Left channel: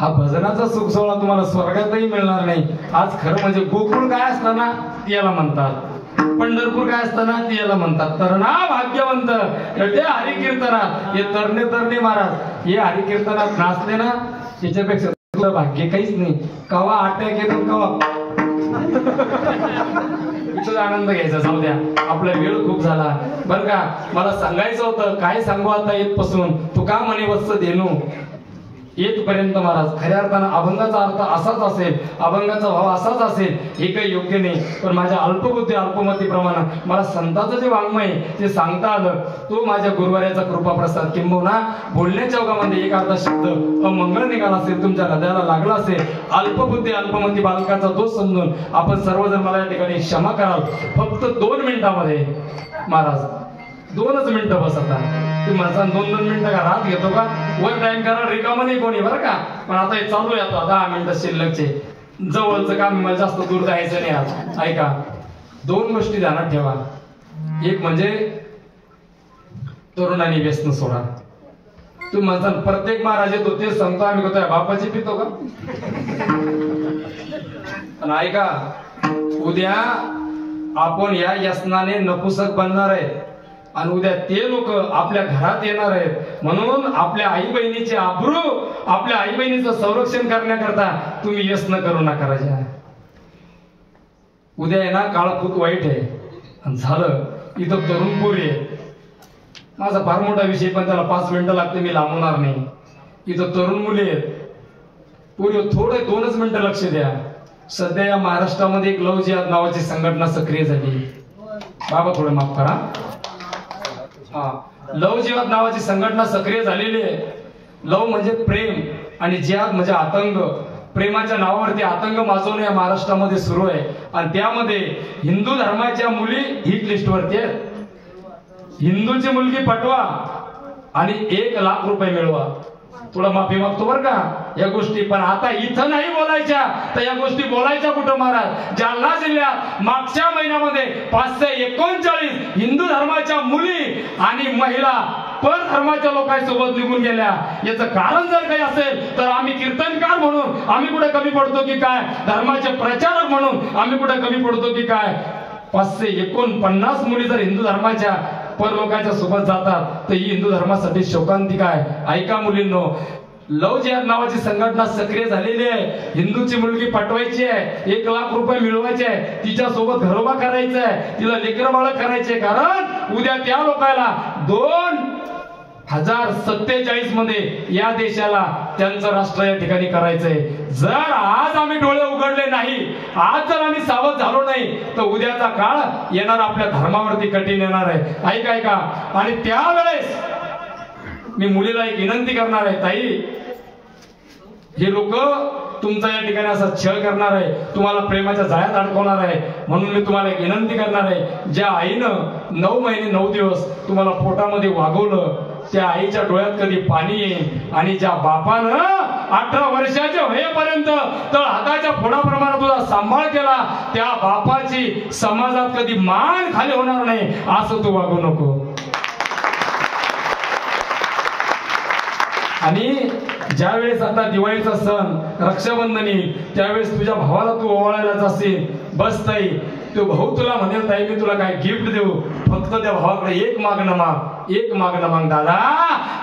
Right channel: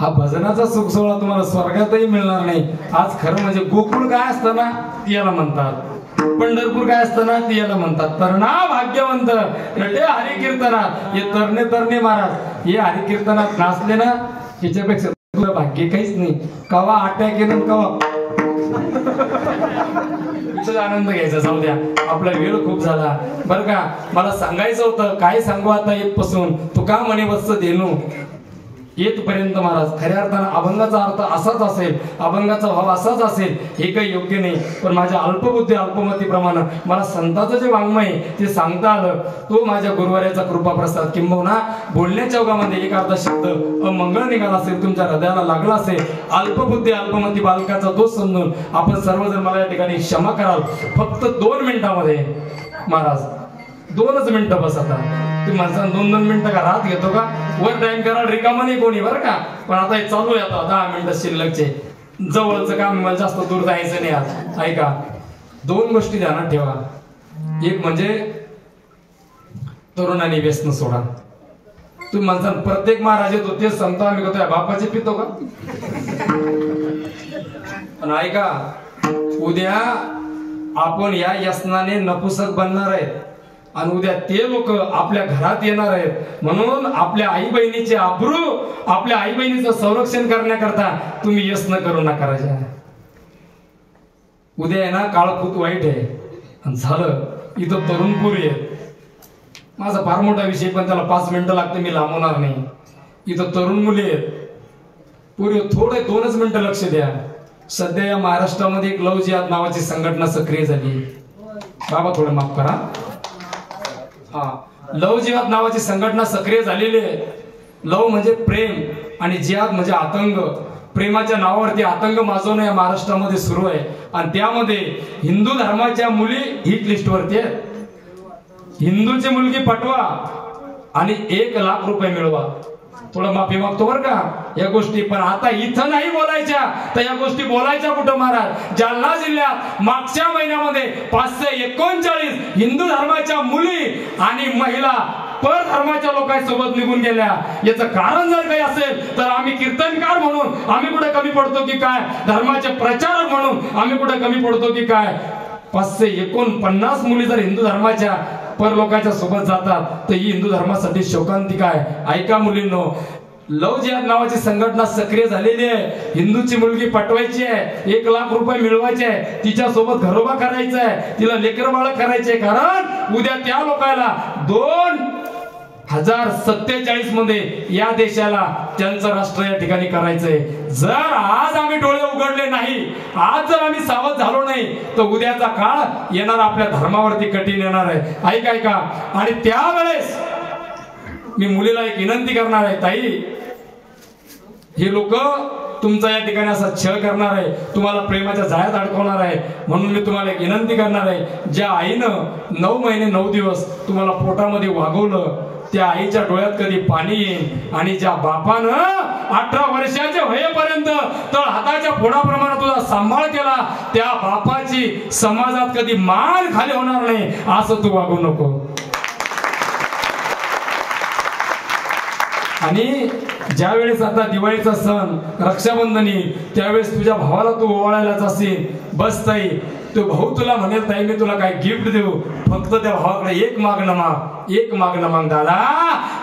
हा भजनाचा सुख सोहळा तुम्हाला स्वर्गातही मिळणार नाही. आज खरं म्हणजे गोकुळ काय असतं ना याला म्हणतात, पंढरपूर काय असतं ना ती याला म्हणतात तरणा भाग्यवंत रटे हरिकीर्तनात. हे तरणे तरणे महाराज हे हरिकीर्तनात नाचले ना याच्यापेक्षा तुला भाग्य काहीच नाही. कवा अटॅक केलं कवा इथंच आनंद घ्यायचा. जाऊ द्या, आपला वेळ खूप झाला बरं का. मला सांगायचं होतं काय सांगू आता येतपासून तुका म्हणे वत्स देणू येतपर्यंत महाराज. खऱ्या अर्थानं अभंगाचा अर्थ असाच असेल, अभंगाचा भाव असाच असेल, हे काही योग्य नाही. पण माझ्या अल्पबुद्धी अल्पमतीप्रमाणे मला संतांचं जे वाङ्मय ते सांगता आलं तो माझ्या गुरुवाऱ्याचा कृपाप्रसाद. किंबहुना बोलण्याच्या ओघामध्ये एक अर्धा शब्द अमंगळ निघाला असेल, तुमच्या हृदयाला लागला असेल, अल्पबुद्धी अल्पमती बालकाचा दोष समजून आपण सर्वजण मला या ठिकाणी क्षमा कराल. फक्त 2 मिनिटामध्ये महाराज 2च मिनिटं बस. आता तुम्ही माझा 2-2 मिनिटं का रात घेतो का? वर टाइम करा रिकामा नाही कोणी बरं का. पण आता हे चालू आहे, आता 10 मिनिटं शिल्लकचे जवळचं काम, मला जास्त दूर जायचं नाही. आज ऐका, 2 गोष्टी ध्यानात ठेवा. एक म्हणजे तरुणांनी व्यसन सोडा. तू म्हणता प्रत्येक महाराज येतो तेच सांगतो आम्ही कसं बापाची पितो का? पण ऐका, उद्या आपण या व्यसनाने नपुसक बनणार आहेत आणि उद्या ते लोक आपल्या घरात येणार आहेत. म्हणून आपल्या आई बहिणीचे आबरू, आपल्या आई बहिणीचं संरक्षण करण्याकरता तुम्ही व्यसन करू नका. राजा उद्या आहे ना काळ खूप वाईट आहे. आणि झालं इथं तरुण पोरी आहे, माझा फार मोठा विषय पण त्याला 5 मिनिटं लागते, मी लांबवणार नाही. इथं तरुण मुली आहेत, पोरी थोडं 2च मिनिटं लक्ष द्या. सध्या या महाराष्ट्रामध्ये एक लव जिहाद नावाची संघटना सक्रिय झाली. बाबा थोडं माफ करा. हा, लव जिहाद नावाची संघटना सक्रिय झालेली आहे. लव म्हणजे प्रेम आणि जिहाद म्हणजे आतंक. प्रेमाच्या नावावरती आतंक माजवणं या महाराष्ट्रामध्ये सुरू आहे. आणि त्यामध्ये हिंदू धर्माच्या मुली हिट लिस्टवरती आहेत. हिंदूची मुलगी पटवा आणि 1 लाख रुपये मिळवा. थोडा माफी मागतो बरं का या गोष्टी. पण आता इथं नाही बोलायच्या तर या गोष्टी बोलायच्या कुठं महाराज? जालना जिल्ह्यात मागच्या महिन्यामध्ये 539 हिंदू धर्माच्या मुली आणि महिला पर धर्माच्या लोकांसोबत निघून गेल्या. याचं कारण जर काही असेल तर आम्ही कीर्तनकार म्हणून आम्ही कुठे कमी पडतो की काय? धर्माचे प्रचारक म्हणून आम्ही कुठे कमी पडतो की काय? 549 मुली जर हिंदू धर्माच्या पर लोकांच्या सोबत जातात तर ही हिंदू धर्मासाठी शोकांतिका आहे. ऐका मुलींनो, लव जिहाद नावाची संघटना सक्रिय झालेली आहे. हिंदूची मुलगी पटवायची आहे, 1 लाख रुपये मिळवायचे आहे, तिच्या सोबत घरोबा करायचा आहे, तिला लेकरं बाळ करायचे. कारण उद्या त्या लोकांना 2047 मध्ये या देशाला त्यांचं राष्ट्र या ठिकाणी करायचंय. जर आज आम्ही डोळे उघडले नाही, आज जर आम्ही सावध झालो नाही तर उद्याचा काळ येणार आपल्या धर्मावरती कठीण येणार आहे. ऐका ऐका. आणि त्यावेळेस मी मुलीला एक विनंती करणार आहे, ताई हे लोक तुमचा या ठिकाणी असा छळ करणार आहे, तुम्हाला प्रेमाच्या जाळ्यात अडकवणार आहे. म्हणून मी तुम्हाला एक विनंती करणार आहे, ज्या आईनं 9 महिने 9 दिवस तुम्हाला पोटामध्ये वागवलं त्या आईच्या डोळ्यात कधी पाणी येईल. आणि ज्या बापानं 18 वर्षाचे होईपर्यंत तर हाताच्या पोटाप्रमाणे तुझा सांभाळ केला त्या बापाची समाजात कधी मान खाली होणार नाही. असं तू वागू नको. आणि ज्यावेळेस आता दिवाळीचा सण रक्षाबंधनी त्यावेळेस तुझ्या भावाला तू ओवाळायला जाशील, बस ताई तो भाऊ तुला म्हणेल ताई मी तुला काय गिफ्ट देऊ, फक्त त्या भावाकडे एक मागणं माग, एक मागणं माग. दादा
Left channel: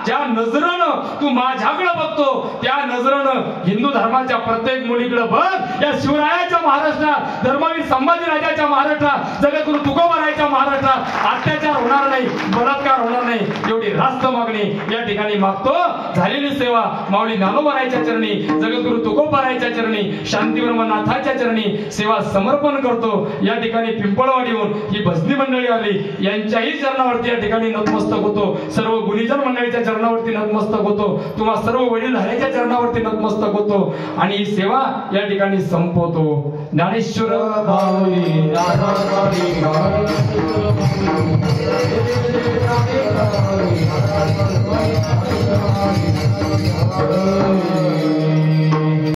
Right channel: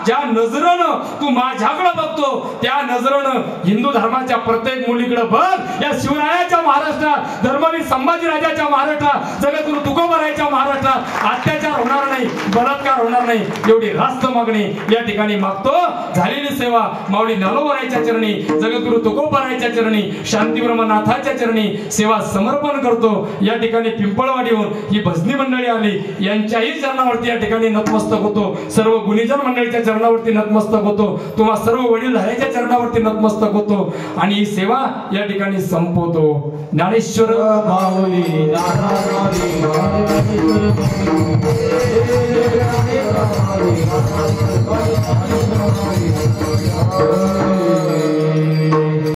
ज्या नजरेनं तू माझ्याकडे बघतो त्या नजरेनं हिंदू धर्माच्या प्रत्येक मुलीकडे बघ. या शिवरायाच्या महाराष्ट्रात, धर्मवीर संभाजीराजाच्या महाराष्ट्रात, जगद्गुरु तुकोबारायच्या महाराष्ट्रात अत्याचार होणार नाही, बलात्कार होणार नाही एवढी रास्त मागणी या ठिकाणी मागतो. झालेली सेवा माऊली नालोबारायच्या चरणी, जगद्गुरु तुकोबारायच्या चरणी, शांतीब्रह्मनाथाच्या चरणी सेवा समर्पण करतो. या ठिकाणी पिंपळवाडीहून ही भजनी मंडळी आली, यांच्याही चरणावरती या ठिकाणी नतमस्तक होतो. सर्व गुणीजन मंडळीच्या चरणावरती नतमस्तक होतो. तुम्हा सर्व वडीलधाऱ्याच्या चरणावरती नतमस्तक होतो आणि ही सेवा या ठिकाणी संपवतो. ज्ञानेश्वर माऊली